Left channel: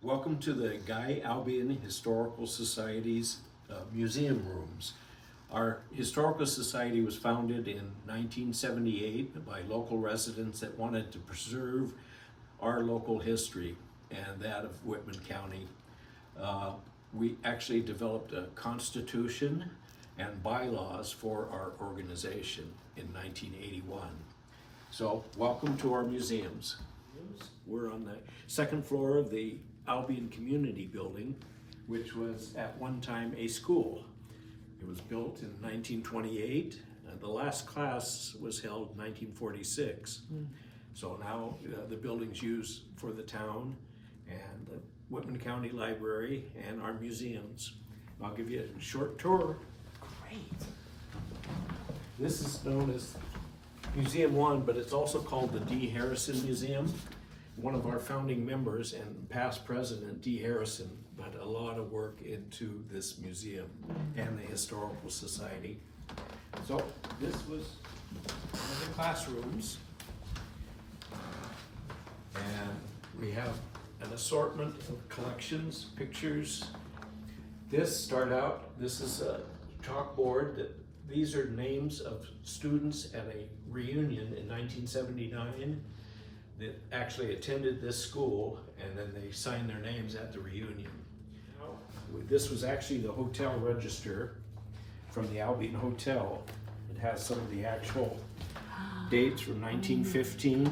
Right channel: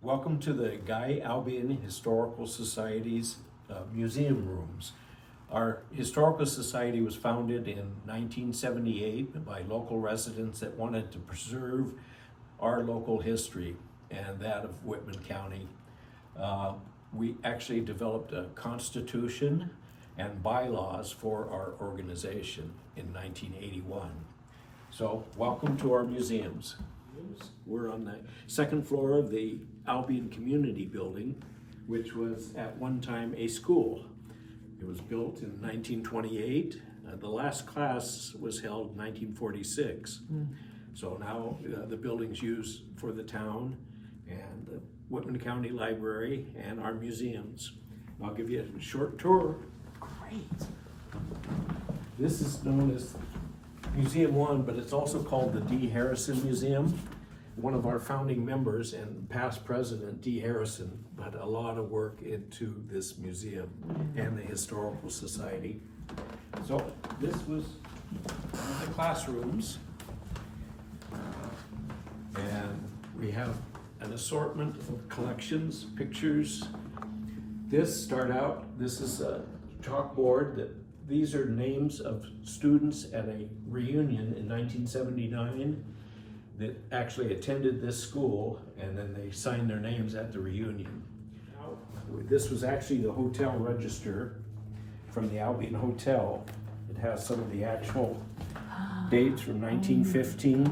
Welcome to the Guy Albion Historical Society's museum rooms. Our historical society was founded in 1978 by local residents that wanted to preserve our local history and that of Whitman County. We actually developed a constitution and bylaws for our organization in 1981. So welcome to our museums. We're on the second floor of the Albion Community Building, which was at one time a school. It was built in 1928. The last class was held in 1946. So now the building's used for the town and the Whitman County Library and our museums. I'll give you a short tour. Great. This is known as Museum 1, but it's also called the D. Harrison Museum. One of our founding members and past president, D. Harrison, put a lot of work into this museum and the Historical Society. So this was one of the classrooms. And we have an assortment of collections, pictures. This is a chalkboard that these are names of students at a reunion in 1979 that actually attended this school, and then they signed their names at the reunion. This was actually the hotel register from the Albion Hotel. It has some of the actual dates from 1915,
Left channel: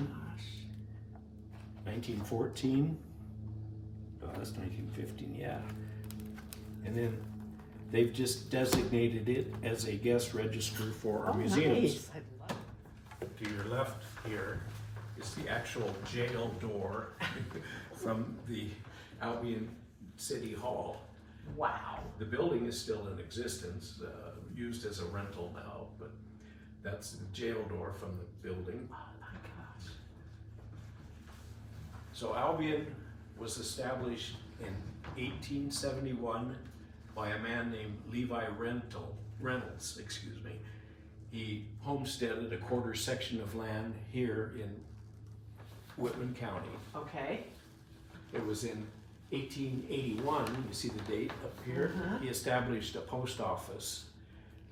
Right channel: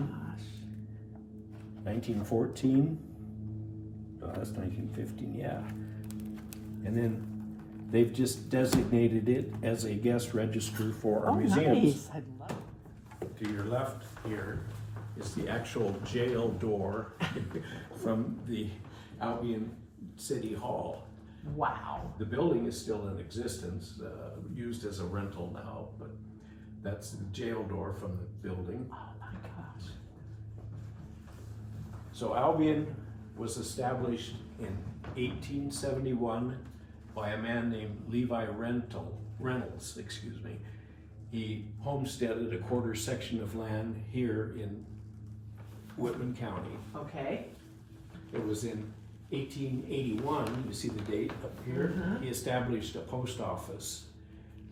1914. Oh, that's 1915, yeah. And then they've just designated it as a guest register for our museums. Nice. I love it. To your left here is the actual jail door from the Albion City Hall. Wow. The building is still in existence, used as a rental now, but that's the jail door from the building. Oh my gosh. So Albion was established in 1871 by a man named Levi Reynolds. He homesteaded a quarter section of land here in Whitman County. Okay. It was in 1881, you see the date up here, he established a post office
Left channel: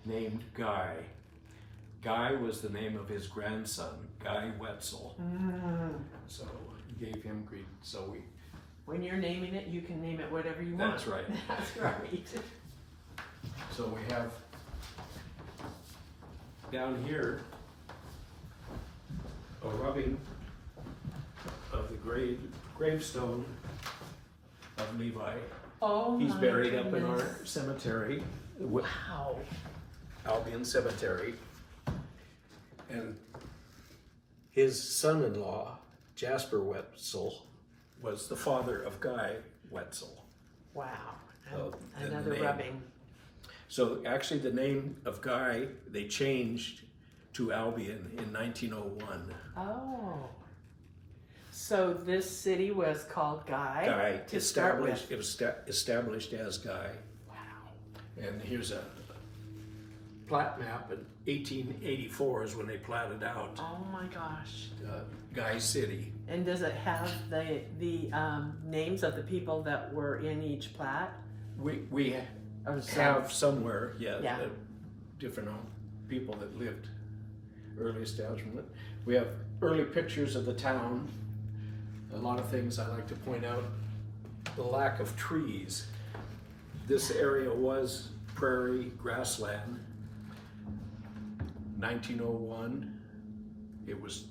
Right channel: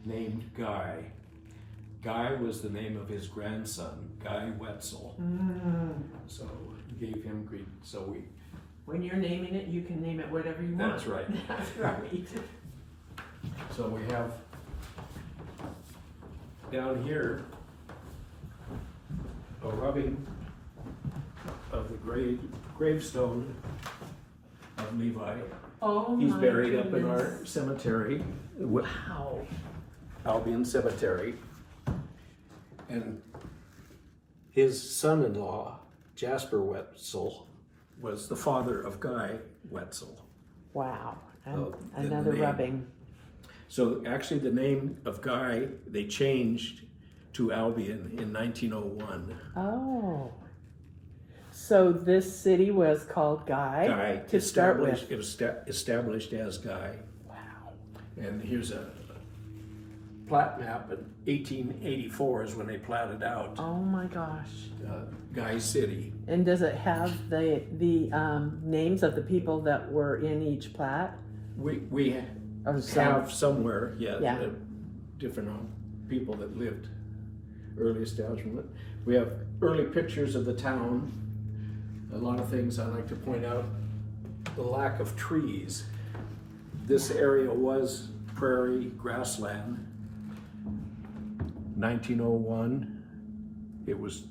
named Guy. Guy was the name of his grandson, Guy Wetzel. So he gave him Greek. When you're naming it, you can name it whatever you want. That's right. That's right. So we have down here a rubbing of the gravestone of Levi. Oh, He's my buried up in goodness. our cemetery, Wow. Albion Cemetery. And his son-in-law, Jasper Wetzel, was the father of Guy Wetzel. Wow. And So, the another name. rubbing. So actually the name of Guy, they changed to Albion in 1901. Oh. So this city was called Guy? Guy to start with. established, it was established as Guy. Wow. And here's a plat map in 1884 is when they platted out Oh my gosh. Guy City. And does it have the names of the people that were in each plat? We Or have somewhere, Yeah. different people that lived early establishment. We have early pictures of the town. A lot of things I like to point out, the lack of trees. This area was prairie grassland. 1901,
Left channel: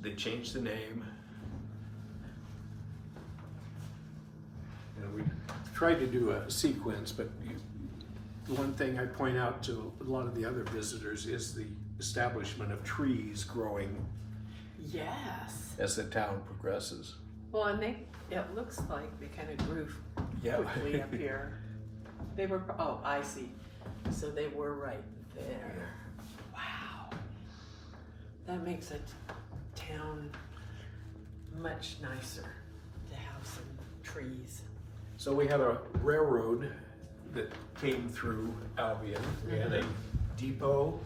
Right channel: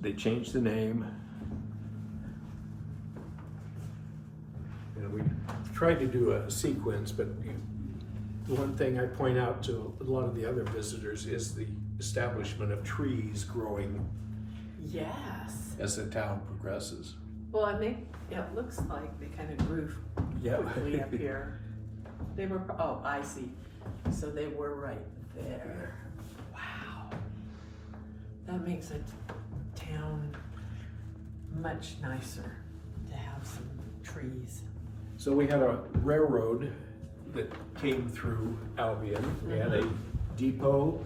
they changed the name. And we tried to do a sequence, but one thing I point out to a lot of the other visitors is the establishment of trees growing Yes. as the town progresses. Well, and it looks like they kind of grew Yeah. quickly up here. They were, oh, I see. So they were right there. Wow. That makes a town much nicer to have some trees. So we had a railroad that came through Albion. We had a depot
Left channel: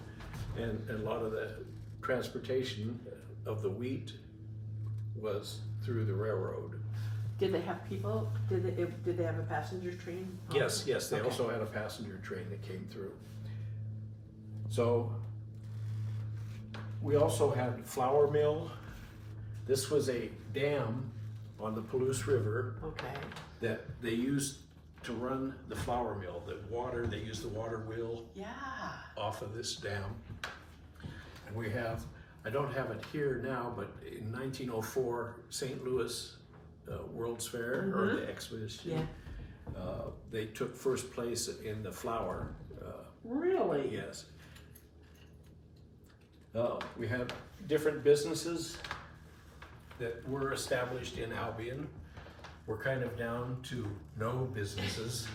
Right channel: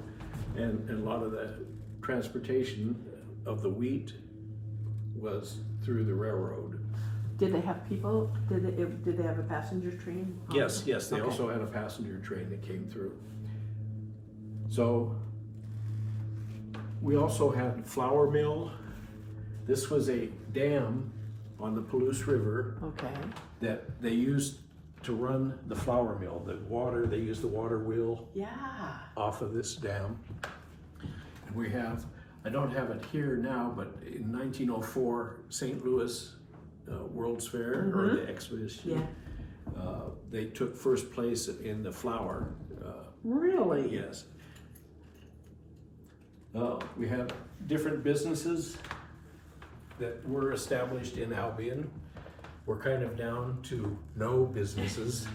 and a lot of the transportation of the wheat was through the railroad. Did they have people? Did they have a passenger train? Yes, yes, they Okay. also had a passenger train that came through. So we also had flour mill. This was a dam on the Palouse River Okay. that they used to run the flour mill. The water, they used the water wheel Yeah. off of this dam. And we have, I don't have it here now, but in 1904, St. Louis World's Fair, or the exposition, Yeah. they took first place in the flour. Really? Yes. We have different businesses that were established in Albion. We're kind of down to no businesses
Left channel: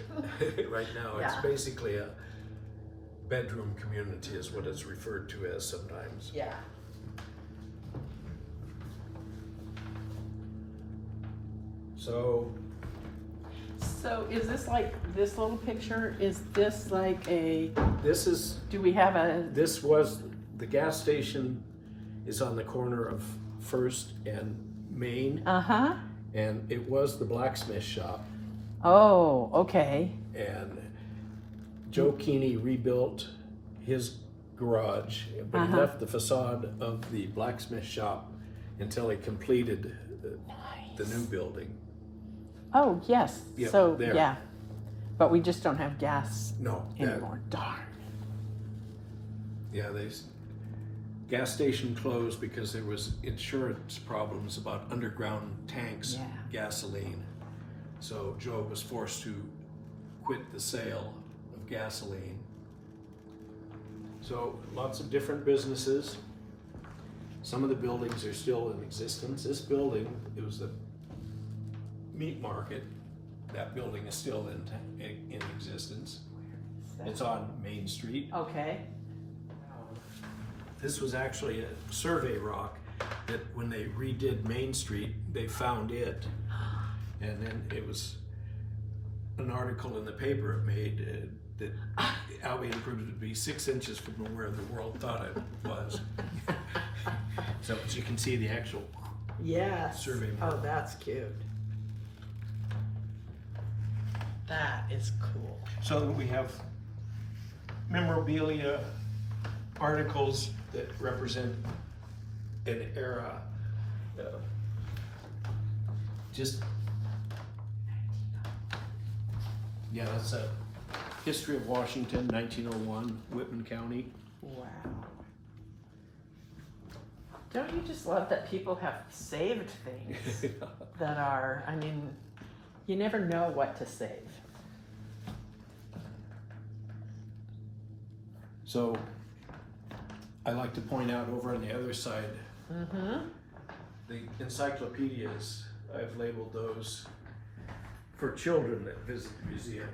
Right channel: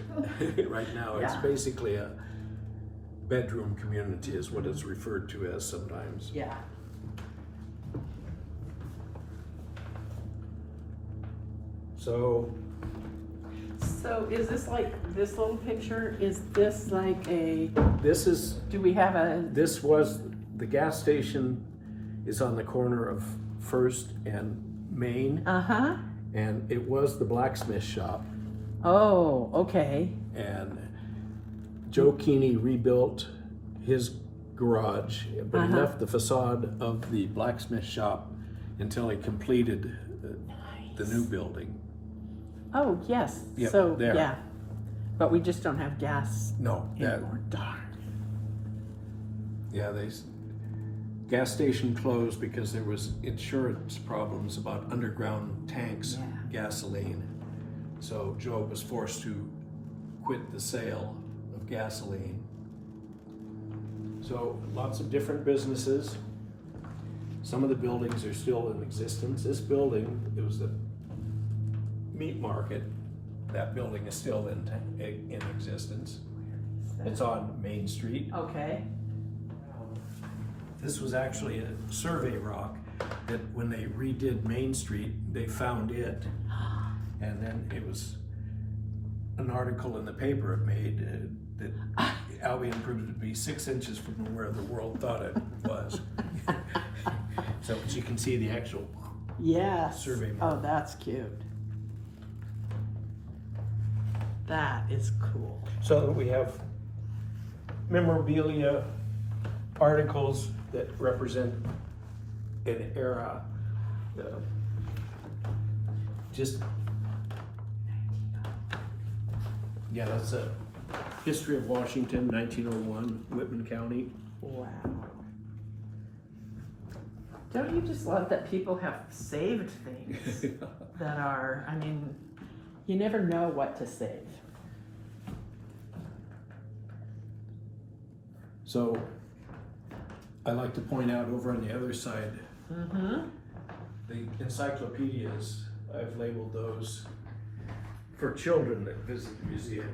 right now. It's Yeah. basically a bedroom community is what it's referred to as sometimes. Yeah. So So is this like this little picture? Is this like a? this is, Do we have a? this was, the gas station is on the corner of First and Main, Uh-huh. and it was the blacksmith shop. Oh, okay. And Joe Keeney rebuilt his garage, but he left the facade of the blacksmith shop until he completed the new building. Oh, yes. Yep, So, there. yeah. But we just don't have gas No, that, anymore. Darn. yeah, gas station closed because there was insurance problems about underground tanks, Yeah. gasoline. So Joe was forced to quit the sale of gasoline. So lots of different businesses. Some of the buildings are still in existence. This building, it was a meat market. That building is still in existence. It's on Main Street. Okay. This was actually a survey rock that when they redid Main Street, they found it. And then it was an article in the paper it made that Albion proved to be 6 inches from where the world thought it was. So as you can see the actual Yes. survey Oh, mark. that's cute. That is cool. So we have memorabilia articles that represent an era. Just, yeah, that's a history of Washington, 1901, Whitman County. Wow. Don't you just love that people have saved things that are, I mean, you never know what to save. So I like to point out over on the other side, Mm-hmm. the encyclopedias, I've labeled those for children that visit the museum.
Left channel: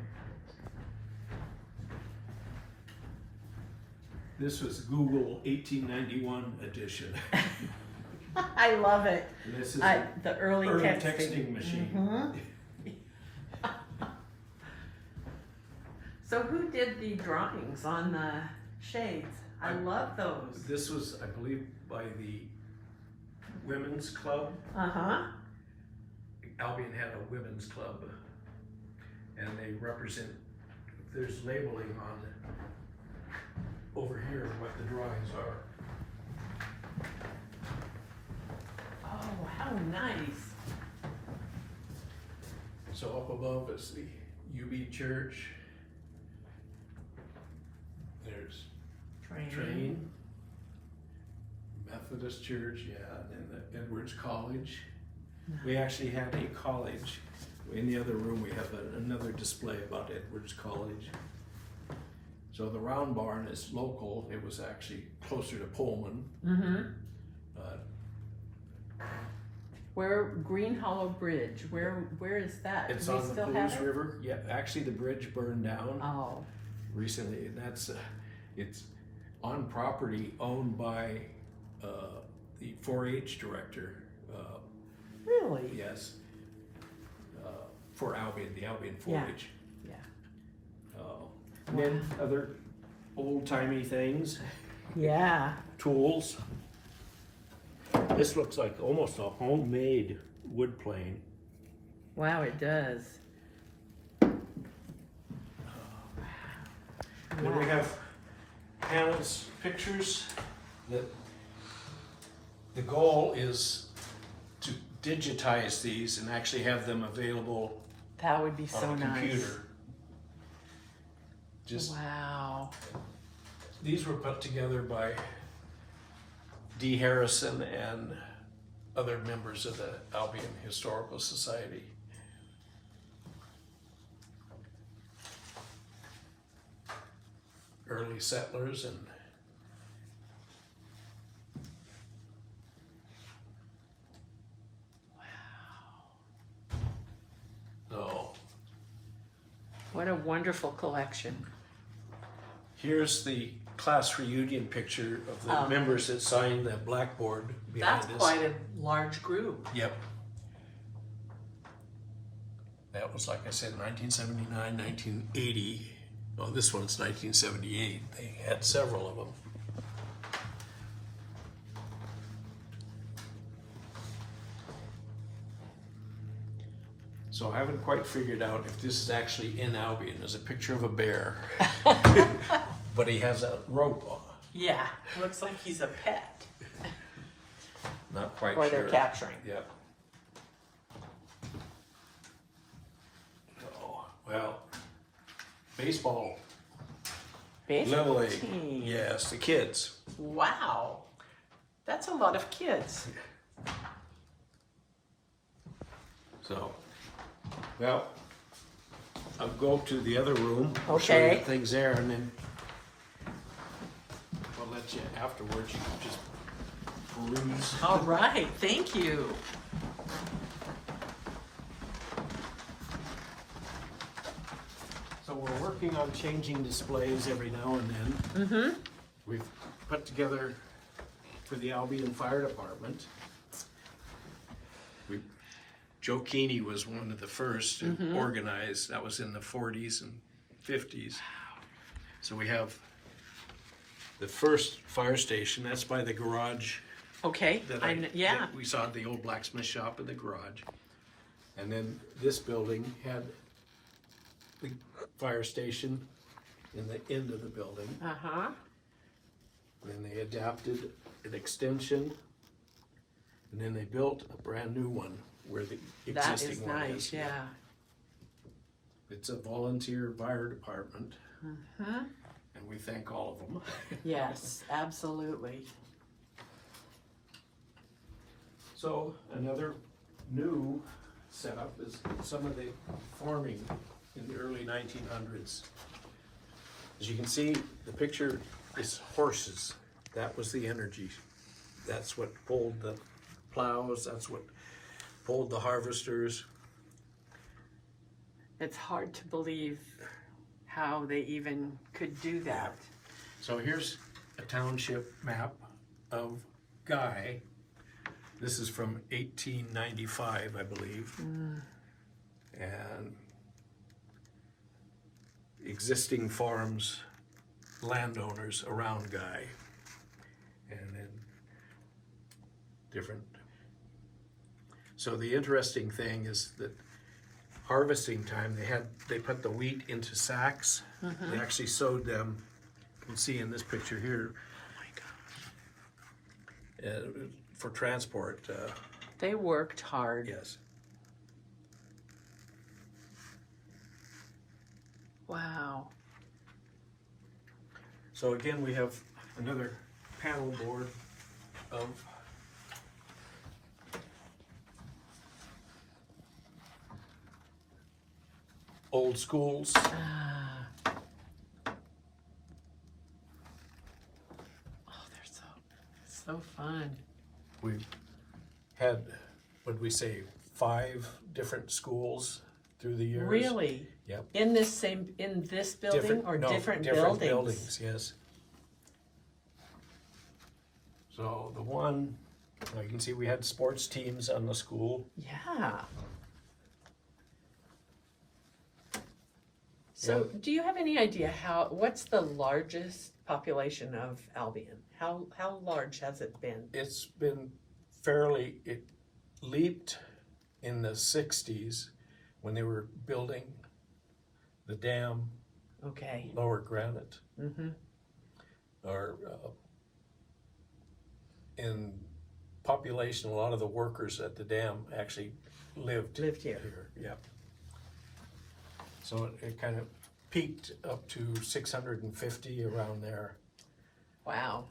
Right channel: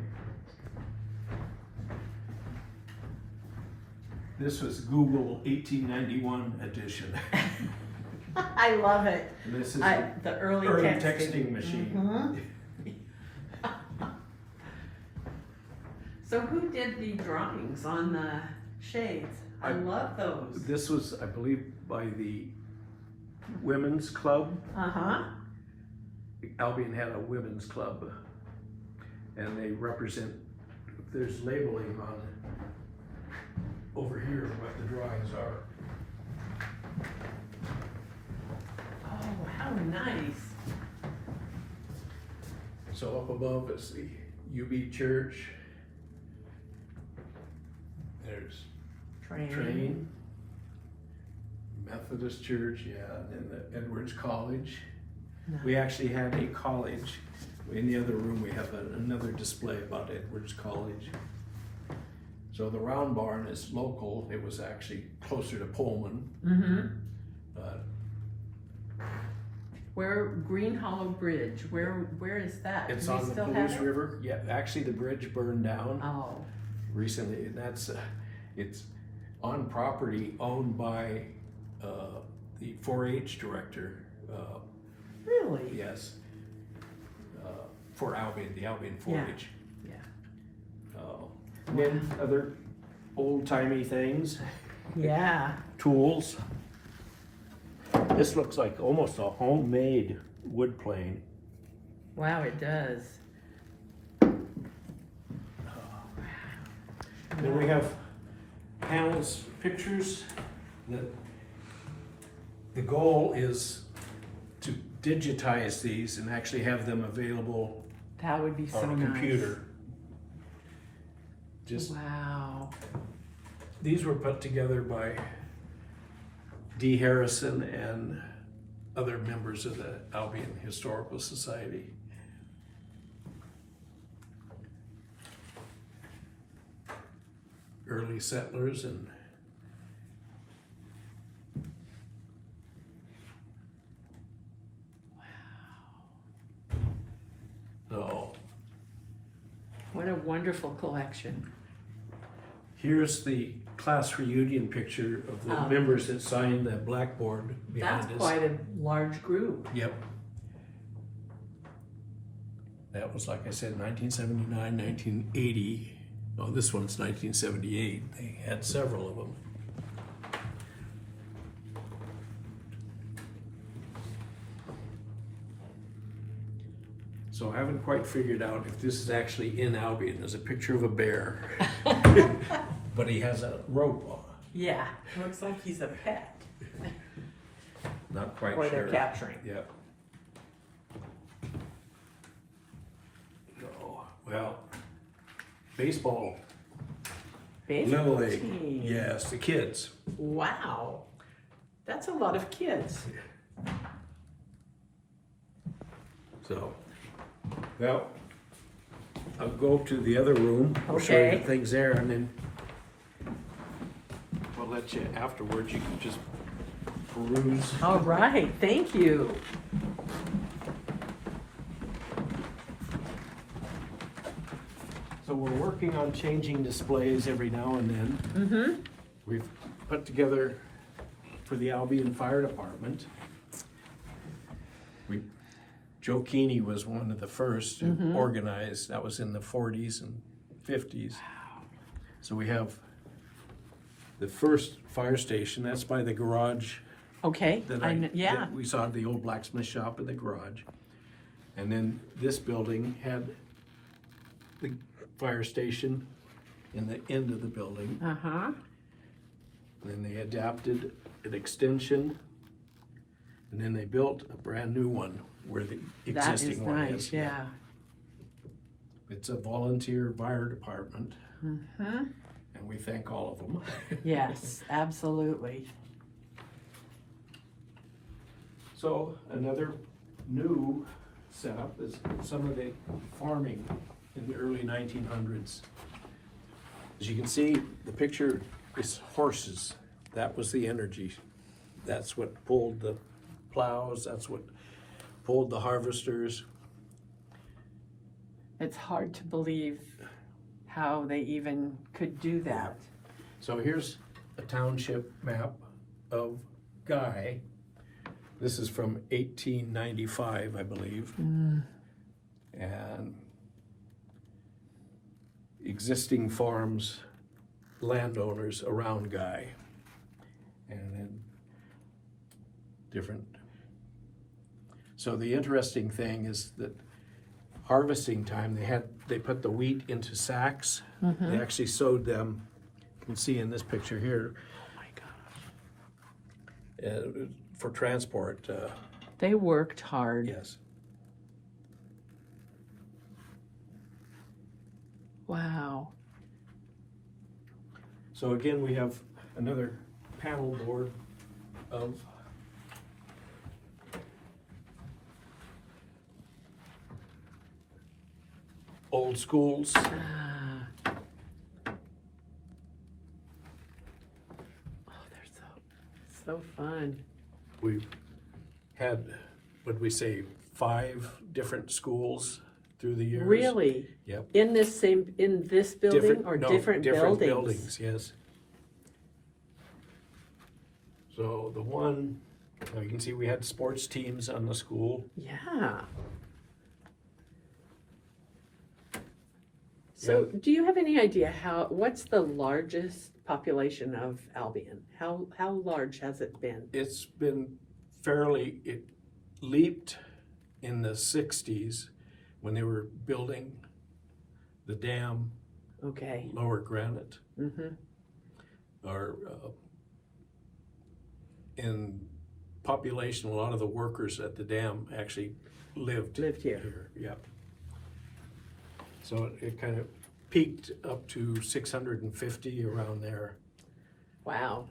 This was Google 1891 edition. I love it. And this is The an early texting machine. Mhm. So who did the drawings on the shades? I love those. This was, I believe, by the Women's Club. Uh-huh. Albion had a women's club, and they represent, there's labeling on over here what the drawings are. Oh, how nice. So up above is the UB Church. There's Train. Methodist Church, yeah, and the Edwards College. Nice. We actually had a college. In the other room, we have another display about Edwards College. So the Round Barn is local. It was actually closer to Pullman. Mm-hmm. But Where Green Hollow Bridge? Where is that? it's Do we on the still have Palouse it? River. Yeah, actually the bridge burned down Oh. recently, and that's it's on property owned by the 4-H director. Really? Yes, for Albion, the Albion 4-H. Yeah. And then other old-timey things, Yeah. tools. This looks like almost a homemade wood plane. Wow, it does. Then we have panels, pictures. The goal is to digitize these and actually have them available That would be so on a nice. computer. Just Wow. these were put together by D. Harrison and other members of the Albion Historical Society. Early settlers and oh, What a wonderful collection. here's the class reunion picture of the members that signed that blackboard behind That's us. quite a large group. Yep. That was, like I said, 1979, 1980. Well, this one's 1978. They had several of them. So I haven't quite figured out if this is actually in Albion. There's a picture of a bear, but he has a rope on. Yeah, looks like he's a pet. Not quite Or sure. they're capturing. Yep. Oh, well, baseball, Little League, team. yes, the kids. Wow. That's a lot of kids. So, well, I'll go to the other room. I'll show you Okay. things there, and then I'll let you afterwards. You can just peruse. All right, thank you. So we're working on changing displays every now and then. Mm-hmm. We've put together for the Albion Fire Department. Joe Keeney was one of the first to organize. That was in the 40s and 50s. So we have the first fire station. That's by the garage. Okay, yeah. that we saw the old blacksmith shop in the garage. And then this building had the fire station in the end of the building. Uh-huh. Then they adapted an extension, and then they built a brand new one where the That is existing one nice, is. yeah. It's a volunteer fire department, Mm-hmm. and we thank all of them. Yes, absolutely. So another new setup is some of the farming in the early 1900s. As you can see, the picture is horses. That was the energy. That's what pulled the plows. That's what pulled the harvesters. It's hard to believe how they even could do that. So here's a township map of Guy. This is from 1895, I believe. And existing farms, landowners around Guy. And then different. So the interesting thing is that harvesting time, they put the wheat into sacks. They actually sewed them. You can see in this picture here. For transport, They worked hard. yes. Wow. So again, we have another panel board of old schools. Oh, they're so fun. We've had, what'd we say, 5 different schools through the years. Really? Yep. In this building or no, different buildings? Yes. So the one, well, you can see we had sports teams on the school. Yeah. So, do you have any idea what's the largest population of Albion? How large has it been? It's been it leaped in the 60s when they were building the dam, Okay. Lower Granite, Mm-hmm. or in population, a lot of the workers at the dam actually lived here. Yeah. So it kind of peaked up to 650 around there. Wow.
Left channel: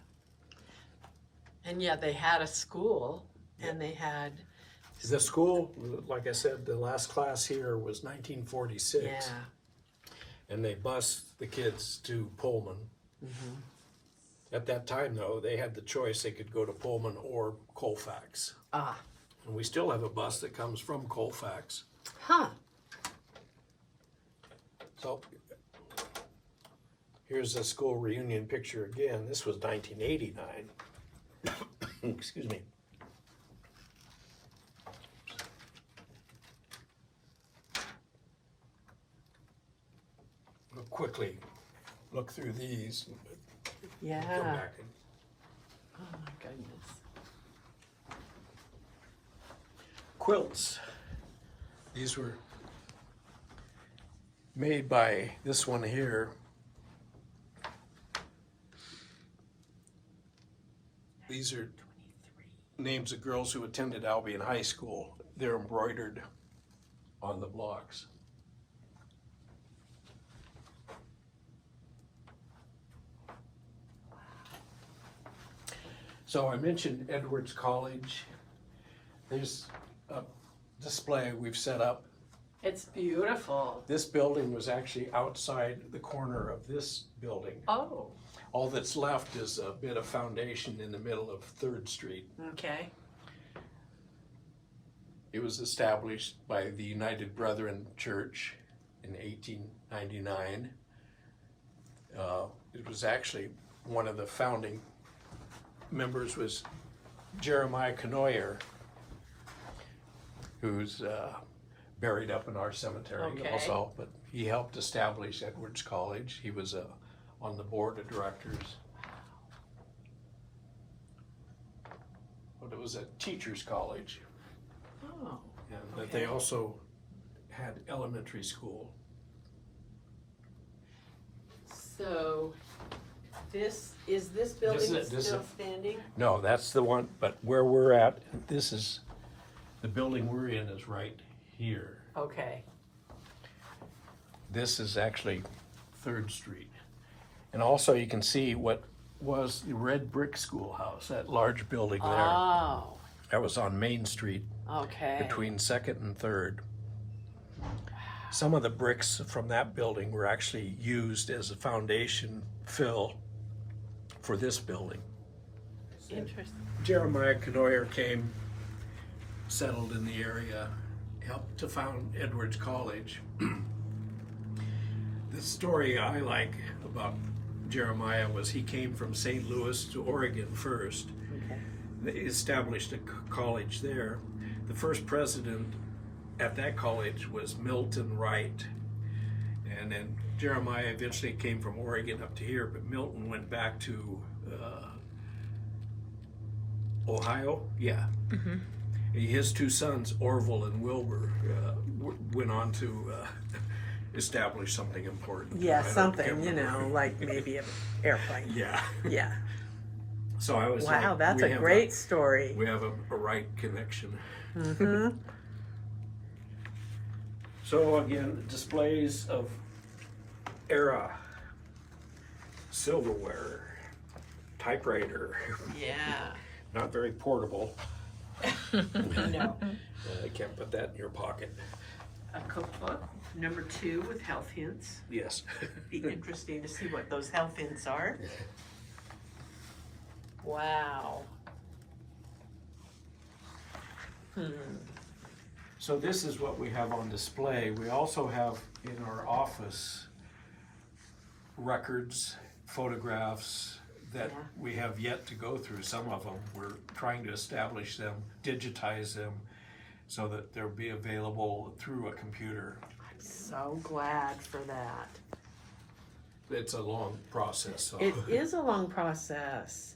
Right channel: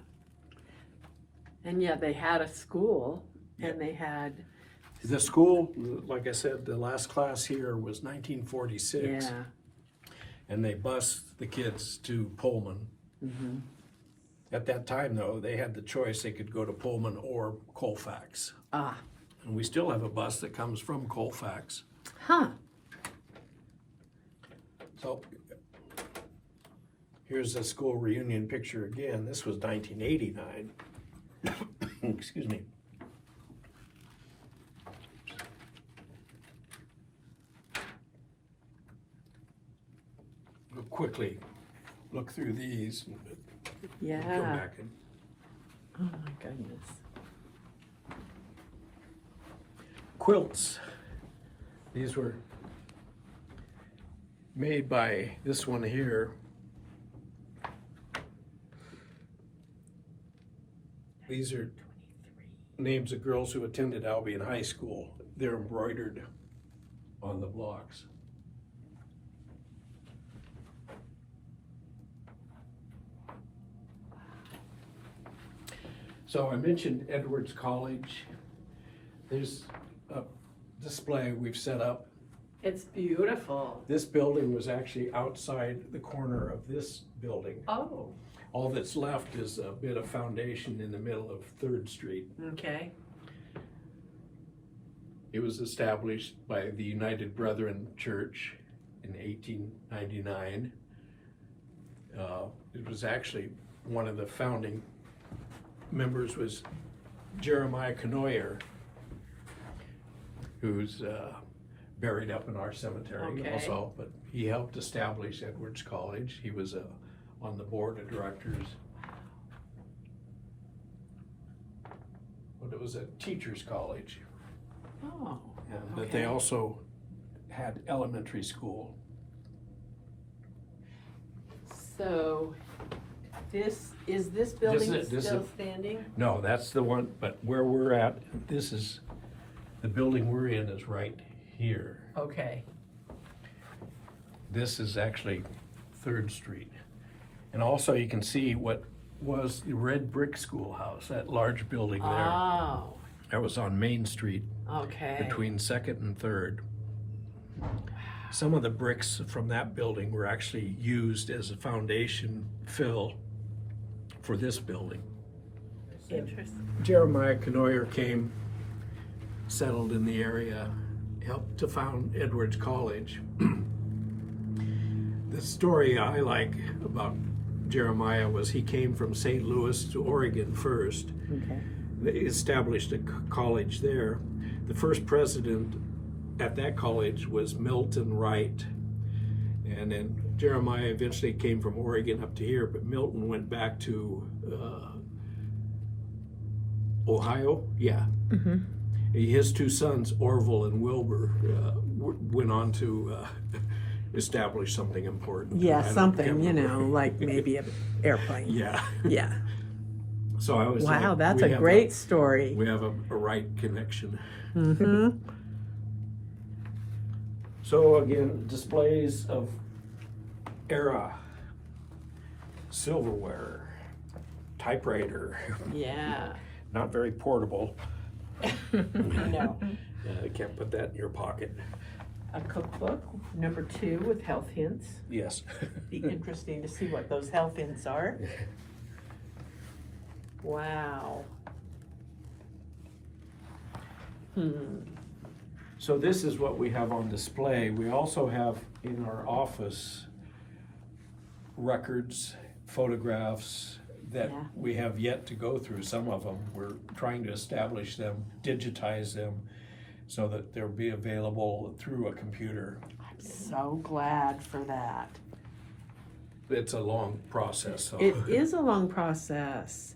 And yeah, they had a school, and they had. The school, like I said, the last class here was 1946. Yeah. And they bused the kids to Pullman. Mm-hmm. At that time, though, they had the choice. They could go to Pullman or Colfax. Ah. And we still have a bus that comes from Colfax. Huh. So here's a school reunion picture again. This was 1989. Excuse me. We'll quickly look through these and Yeah. go back and Oh my goodness. quilts. These were made by this one here. These are names of girls who attended Albion High School. They're embroidered on the blocks. So I mentioned Edwards College. There's a display we've set up. It's beautiful. This building was actually outside the corner of this building. Oh. All that's left is a bit of foundation in the middle of 3rd Street. Okay. It was established by the United Brethren Church in 1899. It was actually one of the founding members was Jeremiah Canoyer, who's buried up in our cemetery Okay. also, but he helped establish Edwards College. He was on the board of directors. But it was a teacher's college. Oh. But they also had elementary school. So, this building This is still it. standing? No, that's the one, but where we're at, this is, the building we're in is right here. Okay. This is actually 3rd Street. And also you can see what was the red brick schoolhouse, that large building there. Oh. That was on Main Street Okay. between 2nd and 3rd. Some of the bricks from that building were actually used as a foundation fill for this building. Interesting. Jeremiah Canoyer came, settled in the area, helped to found Edwards College. The story I like about Jeremiah was he came from St. Louis to Oregon first. Okay. They established a college there. The first president at that college was Milton Wright. And then Jeremiah eventually came from Oregon up to here, but Milton went back to Ohio. Yeah. Mm-hmm. His 2 sons, Orville and Wilbur, went on to establish something important. Yeah, I can't something, remember. like maybe an airplane. Yeah. Yeah. So I was Wow, like, that's we a have great story. We have a right connection. Mm-hmm. So again, displays of era, silverware, typewriter, Yeah. not very portable. No. I can't put that in your pocket. A cookbook, number 2 with health hints. Yes. Be interesting to see what those health hints are. Wow. So this is what we have on display. We also have in our office records, photographs that Yeah. we have yet to go through. Some of them, we're trying to establish them, digitize them, so that they'll be available through a computer. I'm so glad for that. It's a long process, so. It is a long process.